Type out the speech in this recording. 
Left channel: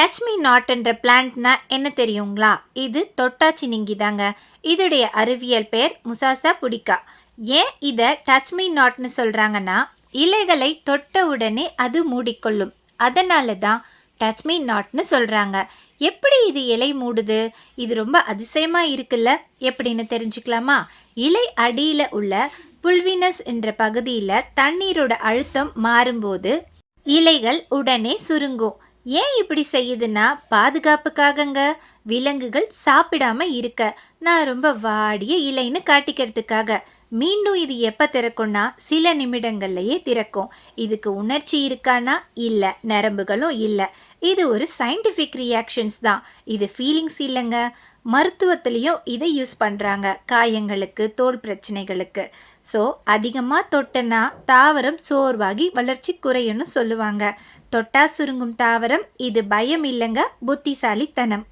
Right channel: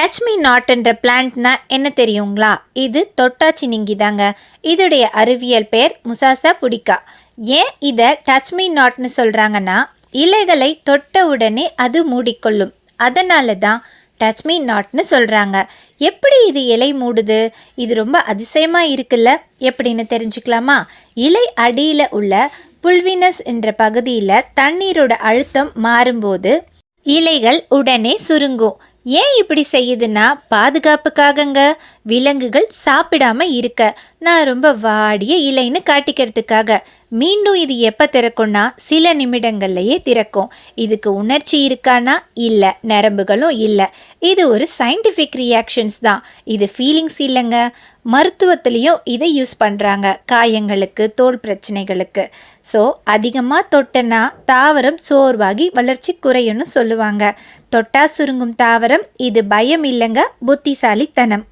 Touch me நாட்ன்ற பிளான்ட்னா என்ன தெரியுங்களா? இது தொட்டாச்சினிங்கி தாங்க. இதுடைய அறிவியல் பெயர் முசாசா புடிகா. ஏன் இதை டச் மீ நாட்னு சொல்கிறாங்கன்னா, இலைகளை தொட்ட உடனே அது மூடிக்கொள்ளும். அதனால தான் டச் மீ நாட்னு சொல்கிறாங்க. எப்படி இது இலை மூடுது? இது ரொம்ப அதிசயமாக இருக்குல்ல? எப்படின்னு தெரிஞ்சுக்கலாமா? இலை அடியில் உள்ள புல்வினஸ் என்ற பகுதியில் தண்ணீரோட அழுத்தம் மாறும்போது இலைகள் உடனே சுருங்கும். ஏன் இப்படி செய்யுதுன்னா பாதுகாப்புக்காகங்க. விலங்குகள் சாப்பிடாம இருக்க. நான் ரொம்ப வாடிய இலைன்னு காட்டிக்கிறதுக்காக. மீண்டும் இது எப்போ திறக்கும்னா சில நிமிடங்கள்லையே திறக்கும். இதுக்கு உணர்ச்சி இருக்கானா? இல்லை, நரம்புகளும் இல்லை. இது ஒரு சயின்டிஃபிக் ரியாக்ஷன்ஸ் தான். இது ஃபீலிங்ஸ் இல்லைங்க. மருத்துவத்திலையும் இதை யூஸ் பண்ணுறாங்க, காயங்களுக்கு, தோல் பிரச்சனைகளுக்கு. ஸோ அதிகமாக தொட்டனா தாவரம் சோர்வாகி வளர்ச்சி குறையும்னு சொல்லுவாங்க. தொட்டா சுருங்கும் தாவரம் இது பயம் இல்லைங்க, புத்திசாலித்தனம்.